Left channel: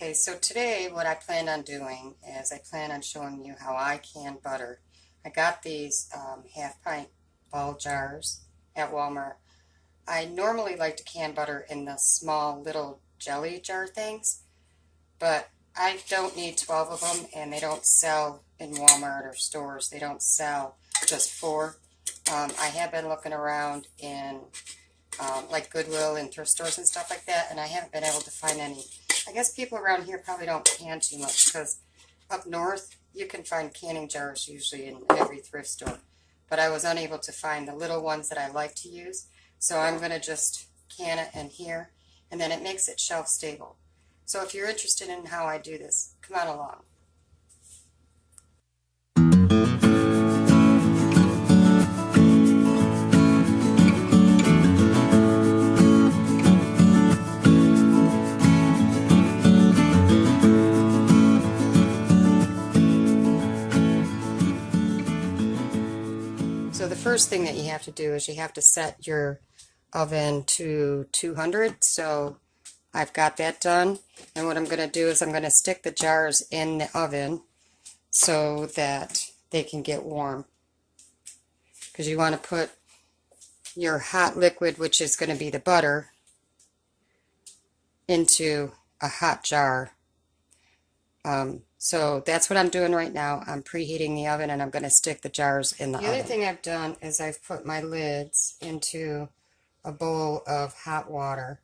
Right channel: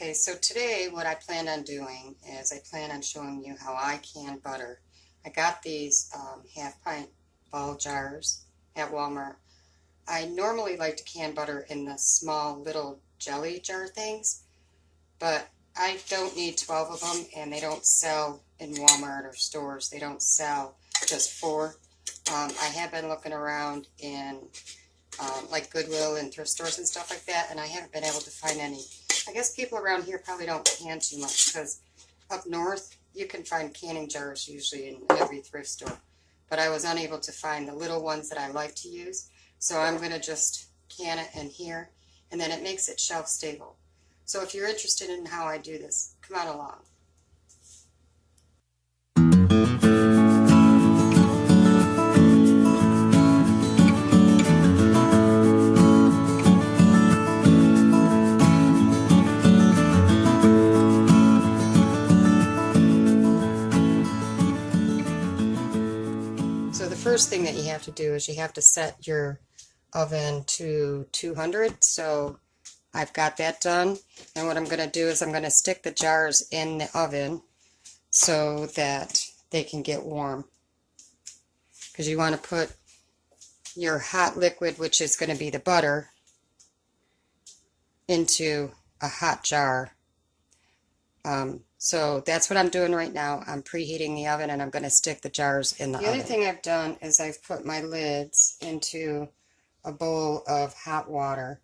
Okay, so today what I plan on doing is I plan on showing you how I can butter. I got these half pint ball jars at Walmart. I normally like to can butter in the small little jelly jar things, but I don't need 12 of them, and they don't sell in Walmart or stores. They don't sell just 4. I have been looking around in like Goodwill and thrift stores and stuff like that, and I haven't been able to find any. I guess people around here probably don't can too much, because up north you can find canning jars usually in every thrift store. But I was unable to find the little ones that I like to use, so I'm going to just can it in here, and then it makes it shelf stable. So if you're interested in how I do this, come on along. So the first thing that you have to do is you have to set your oven to 200. So I've got that done, and what I'm going to do is I'm going to stick the jars in the oven so that they can get warm, because you want to put your hot liquid, which is going to be the butter, into a hot jar. So that's what I'm doing right now. I'm preheating the oven, and I'm going to stick the jars in the oven. The other thing I've done is I've put my lids into a bowl of hot water.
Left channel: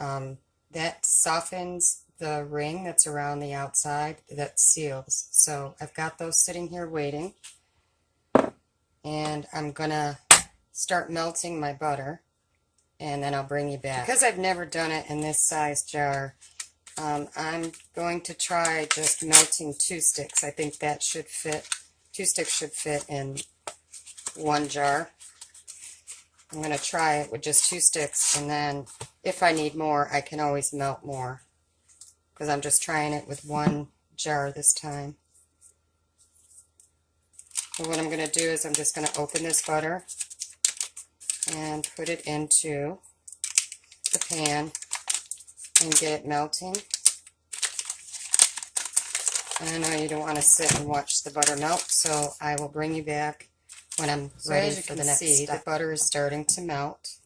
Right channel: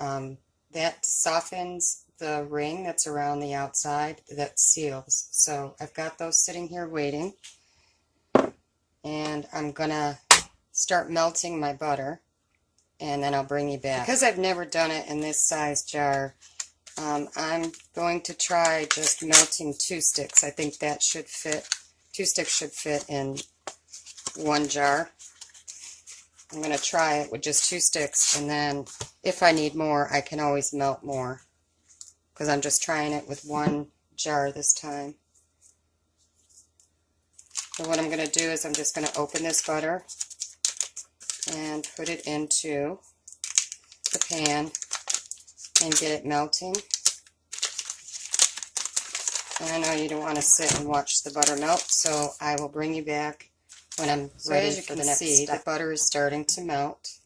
That softens the ring that's around the outside that seals. So I've got those sitting here waiting, and I'm going to start melting my butter, and then I'll bring you back. Because I've never done it in this size jar, I'm going to try just melting 2 sticks. I think that should fit. 2 sticks should fit in 1 jar. I'm going to try it with just 2 sticks, and then if I need more, I can always melt more, because I'm just trying it with 1 jar this time. And what I'm going to do is I'm just going to open this butter and put it into the pan and get it melting. And I know you don't want to sit and watch the butter melt, so I will bring you back when I'm ready for the next step. The butter is starting to melt,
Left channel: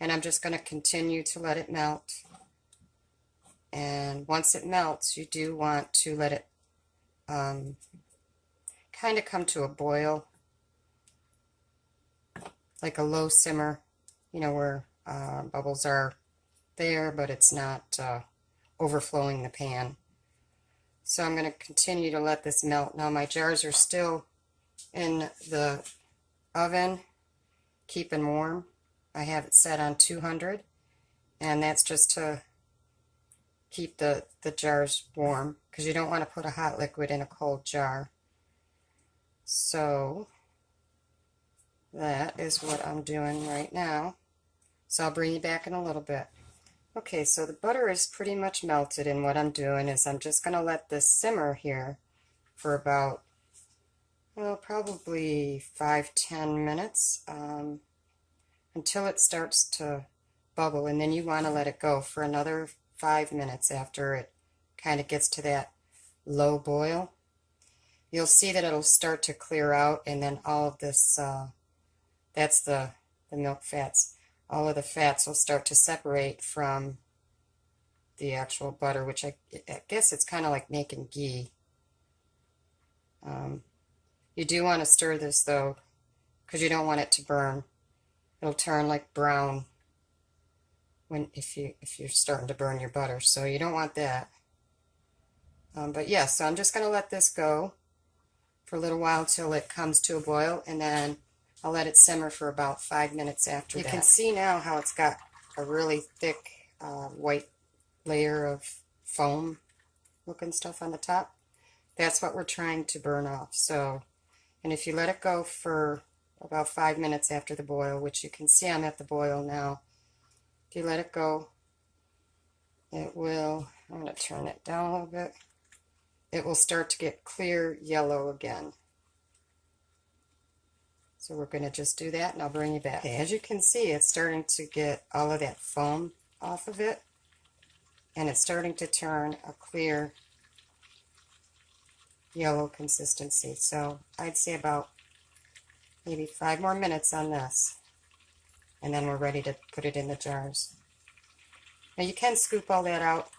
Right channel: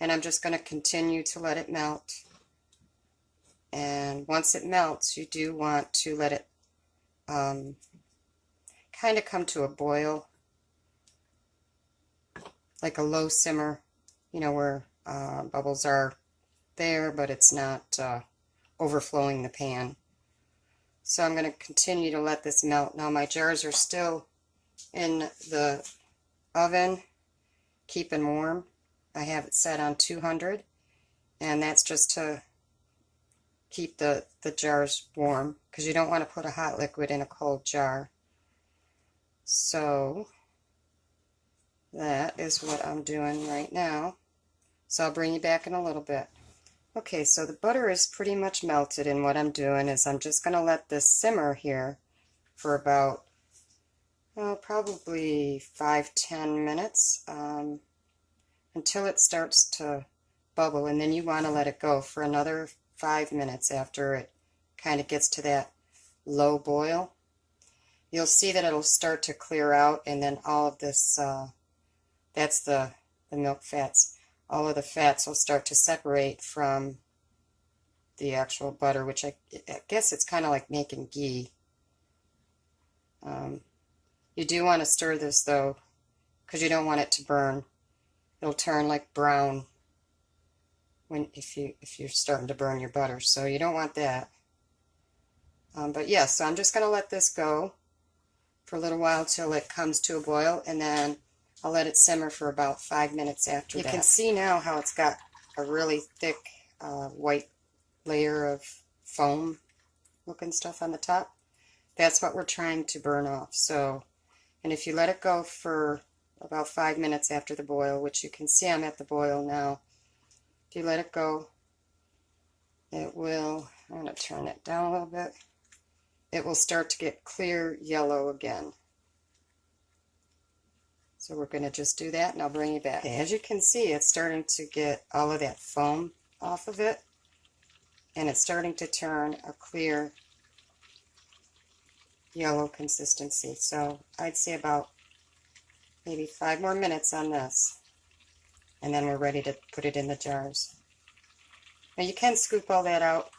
and I'm just going to continue to let it melt. And once it melts, you do want to let it kind of come to a boil, like a low simmer, you know, where bubbles are there, but it's not overflowing the pan. So I'm going to continue to let this melt. Now my jars are still in the oven, keeping warm. I have it set on 200, and that's just to keep the jars warm, because you don't want to put a hot liquid in a cold jar. So that is what I'm doing right now. So I'll bring you back in a little bit. Okay, so the butter is pretty much melted, and what I'm doing is I'm just going to let this simmer here for about probably 5-10 minutes until it starts to bubble, and then you want to let it go for another 5 minutes after it kind of gets to that low boil. You'll see that it'll start to clear out, and then all of this, that's the milk fats. All of the fats will start to separate from the actual butter, which I guess it's kind of like making ghee. You do want to stir this, though, because you don't want it to burn. It'll turn like brown if you're starting to burn your butter, so you don't want that. But yeah, so I'm just going to let this go for a little while till it comes to a boil, and then I'll let it simmer for about 5 minutes after that. You can see now how it's got a really thick white layer of foam looking stuff on the top. That's what we're trying to burn off. So, and if you let it go for about 5 minutes after the boil, which you can see I'm at the boil now, if you let it go, it will, I'm going to turn it down a little bit, it will start to get clear yellow again. So we're going to just do that, and I'll bring you back. Okay, as you can see, it's starting to get all of that foam off of it. and it's starting to turn a clear yellow consistency. So I'd say about maybe 5 more minutes on this, and then we're ready to put it in the jars. Now you can scoop all that out,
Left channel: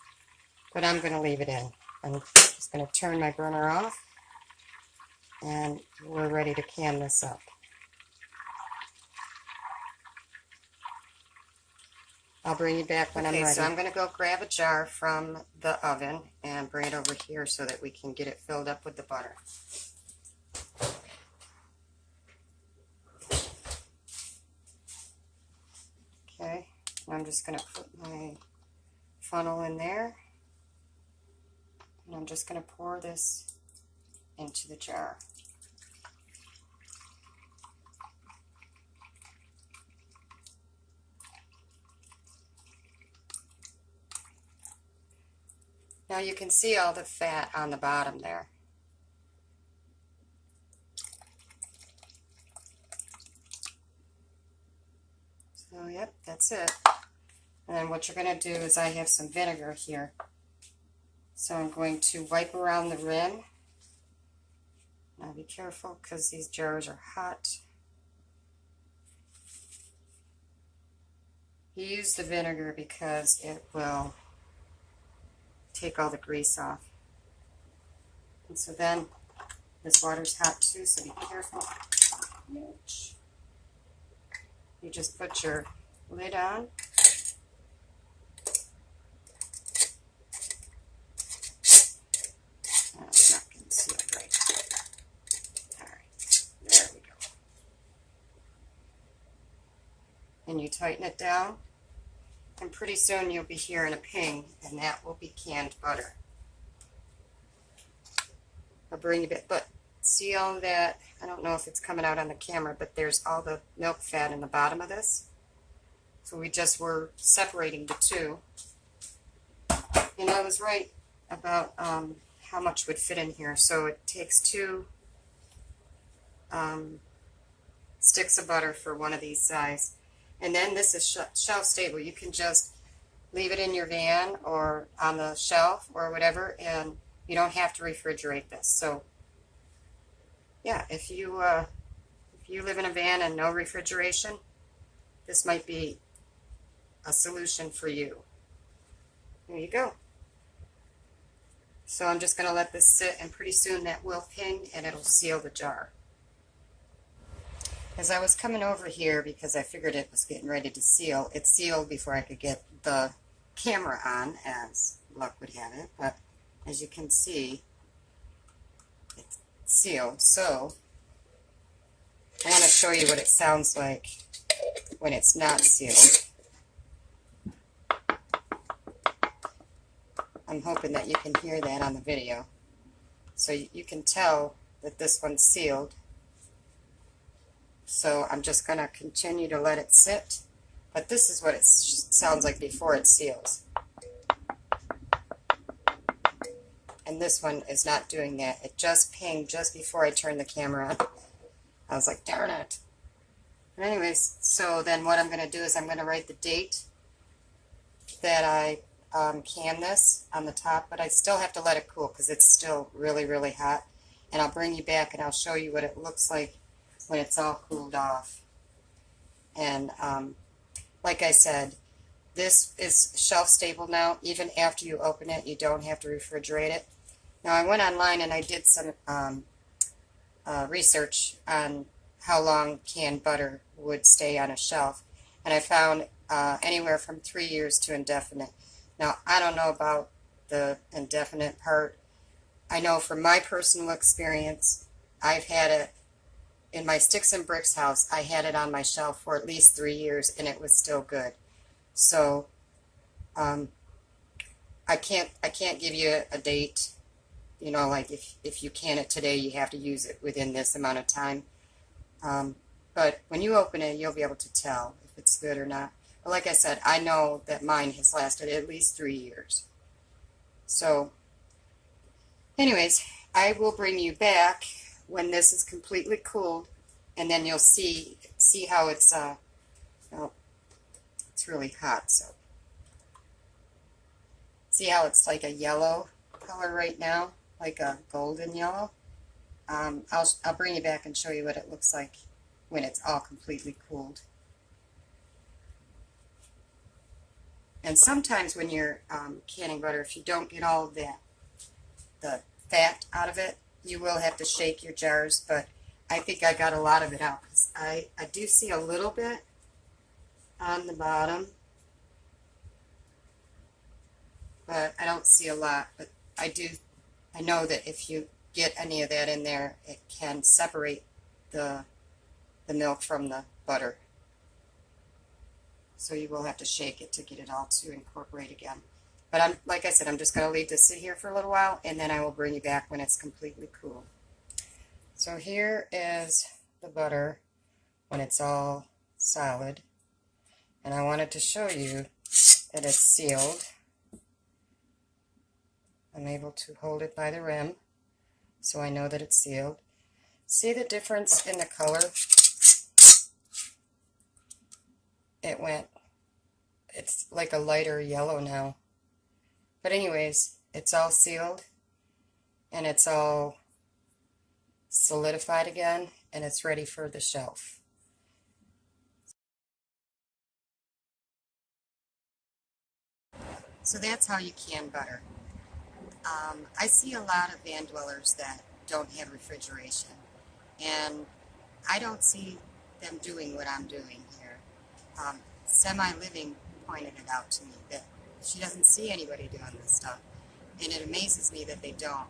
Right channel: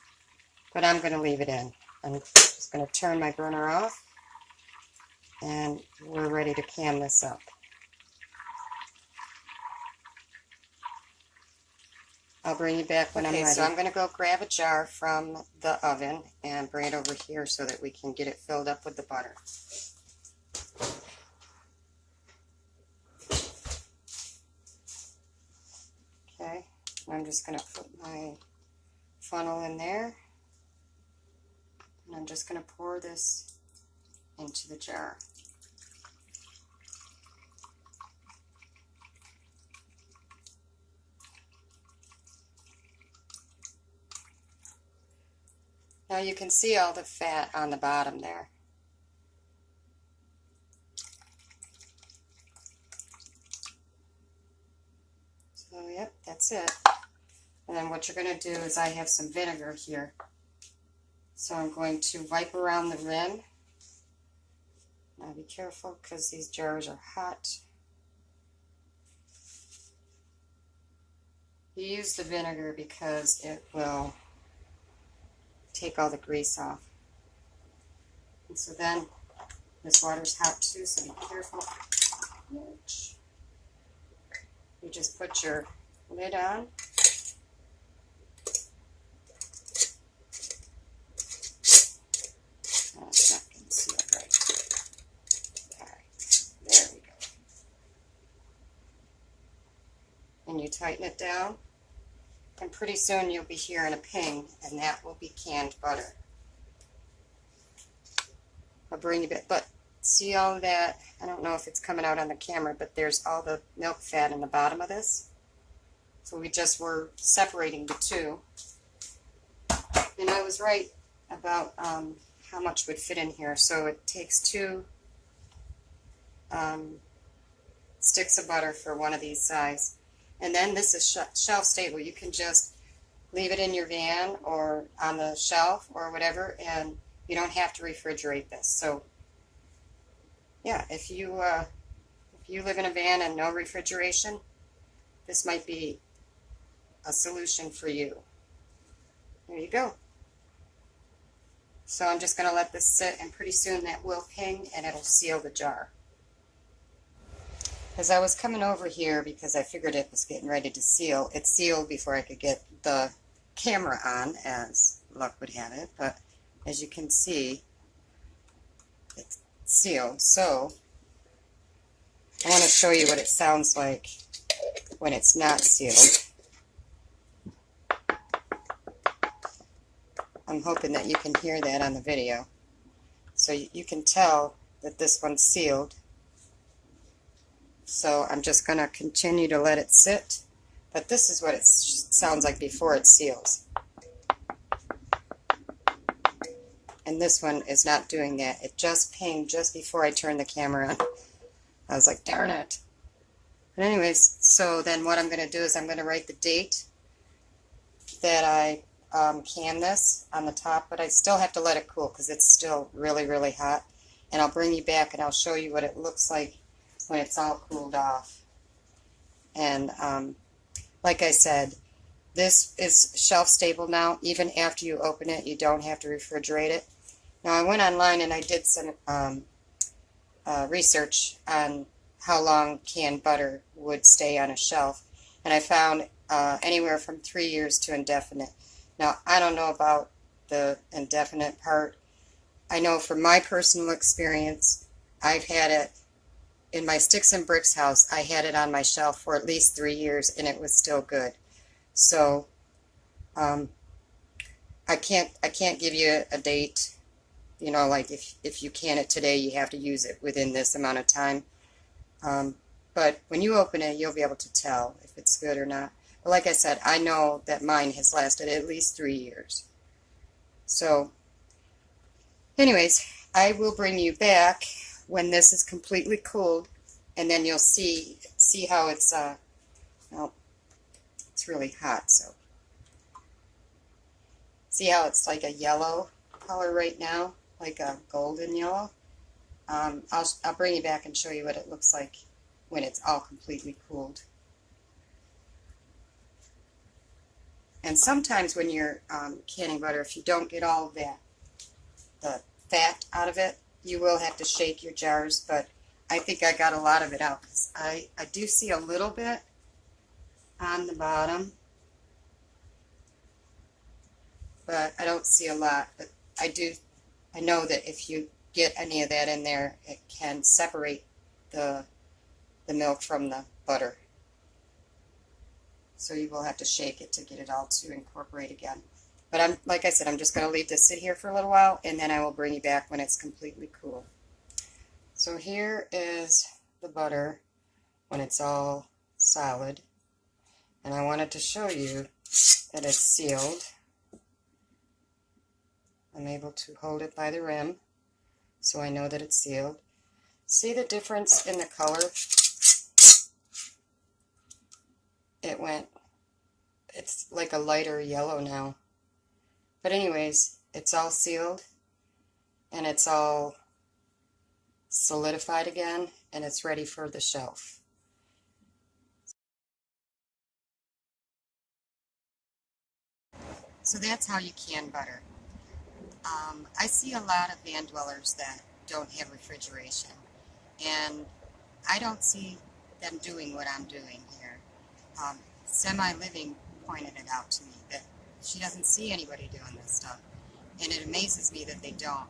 but I'm going to leave it in. I'm just going to turn my burner off, and we're ready to can this up. I'll bring you back when I'm ready. So I'm going to go grab a jar from the oven and bring it over here so that we can get it filled up with the butter. Okay, I'm just going to put my funnel in there, and I'm just going to pour this into the jar. Now you can see all the fat on the bottom there. So yep, that's it. And then what you're going to do is I have some vinegar here. So I'm going to wipe around the rim. Now be careful because these jars are hot. You use the vinegar because it will take all the grease off. And so then this water's hot too, so be careful. You just put your lid on. Oh, it's not getting sealed right. Alright, there we go. And you tighten it down, and pretty soon you'll be hearing a ping, and that will be canned butter. I'll bring you back, but see all that? I don't know if it's coming out on the camera, but there's all the milk fat in the bottom of this. So we just were separating the two. And I was right about how much would fit in here. So it takes 2 sticks of butter for one of these size. And then this is shelf stable. You can just leave it in your van or on the shelf or whatever, and you don't have to refrigerate this. So yeah, if you live in a van and no refrigeration, this might be a solution for you. There you go. So I'm just going to let this sit, and pretty soon that will ping and it'll seal the jar. As I was coming over here, because I figured it was getting ready to seal, it sealed before I could get the camera on, as luck would have it. But as you can see, it's sealed. So I want to show you what it sounds like when it's not sealed. I'm hoping that you can hear that on the video. So you can tell that this one's sealed. So I'm just going to continue to let it sit. But this is what it sounds like before it seals. And this one is not doing that. It just pinged just before I turned the camera on. I was like, darn it. But anyways, so then what I'm going to do is I'm going to write the date that I can this on the top, but I still have to let it cool because it's still really, really hot. And I'll bring you back and I'll show you what it looks like when it's all cooled off. And like I said, this is shelf stable now. Even after you open it, you don't have to refrigerate it. Now I went online and I did some research on how long canned butter would stay on a shelf, and I found anywhere from 3 years to indefinite. Now I don't know about the indefinite part. I know from my personal experience, I've had it in my Sticks and Bricks house. I had it on my shelf for at least 3 years and it was still good. So I can't give you a date. You know, like if you can it today, you have to use it within this amount of time. But when you open it, you'll be able to tell if it's good or not. But like I said, I know that mine has lasted at least 3 years. So anyways, I will bring you back when this is completely cooled, and then you'll see how it's, well, it's really hot, so See how it's like a yellow color right now, like a golden yellow? I'll bring you back and show you what it looks like when it's all completely cooled. And sometimes when you're canning butter, if you don't get all of the fat out of it, you will have to shake your jars, but I think I got a lot of it out because I do see a little bit on the bottom, but I don't see a lot. But I know that if you get any of that in there, it can separate the milk from the butter. So you will have to shake it to get it all to incorporate again. But like I said, I'm just going to leave this sit here for a little while, and then I will bring you back when it's completely cool. So here is the butter when it's all solid. And I wanted to show you that it's sealed. I'm able to hold it by the rim, so I know that it's sealed. See the difference in the color? It's like a lighter yellow now. But anyways, it's all sealed, and it's all solidified again, and it's ready for the shelf. So that's how you can butter. I see a lot of van dwellers that don't have refrigeration, and I don't see them doing what I'm doing here. Semi-Living pointed it out to me that she doesn't see anybody doing this stuff, and it amazes me that they don't.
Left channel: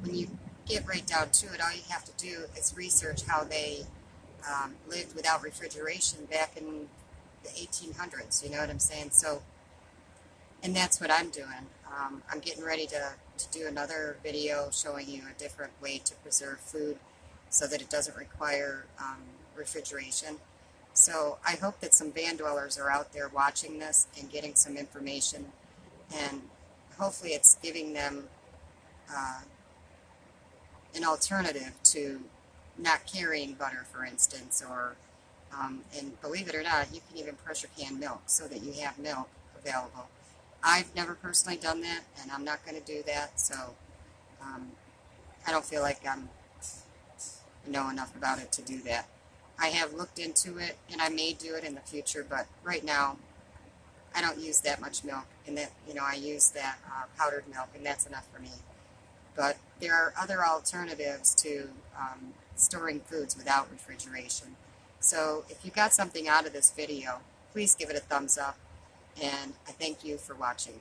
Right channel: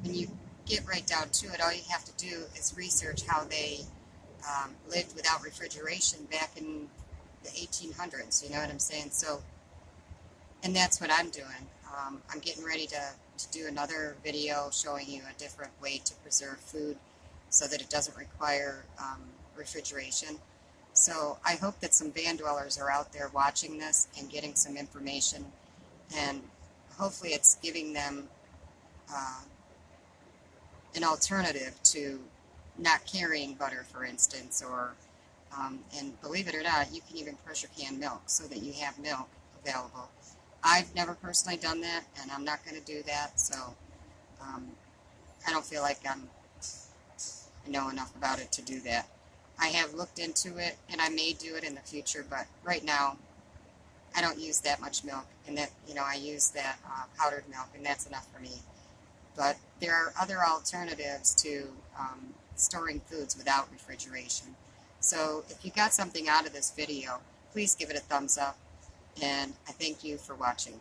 When you get right down to it, all you have to do is research how they lived without refrigeration back in the 1800s, you know what I'm saying? So, and that's what I'm doing. I'm getting ready to do another video showing you a different way to preserve food so that it doesn't require refrigeration. So I hope that some van dwellers are out there watching this and getting some information, and hopefully it's giving them an alternative to not carrying butter, for instance, or and believe it or not, you can even pressure can milk so that you have milk available. I've never personally done that, and I'm not going to do that, so I don't feel like I know enough about it to do that. I have looked into it, and I may do it in the future, but right now I don't use that much milk, and that, you know, I use that powdered milk, and that's enough for me. But there are other alternatives to storing foods without refrigeration. So if you got something out of this video, please give it a thumbs up, and I thank you for watching.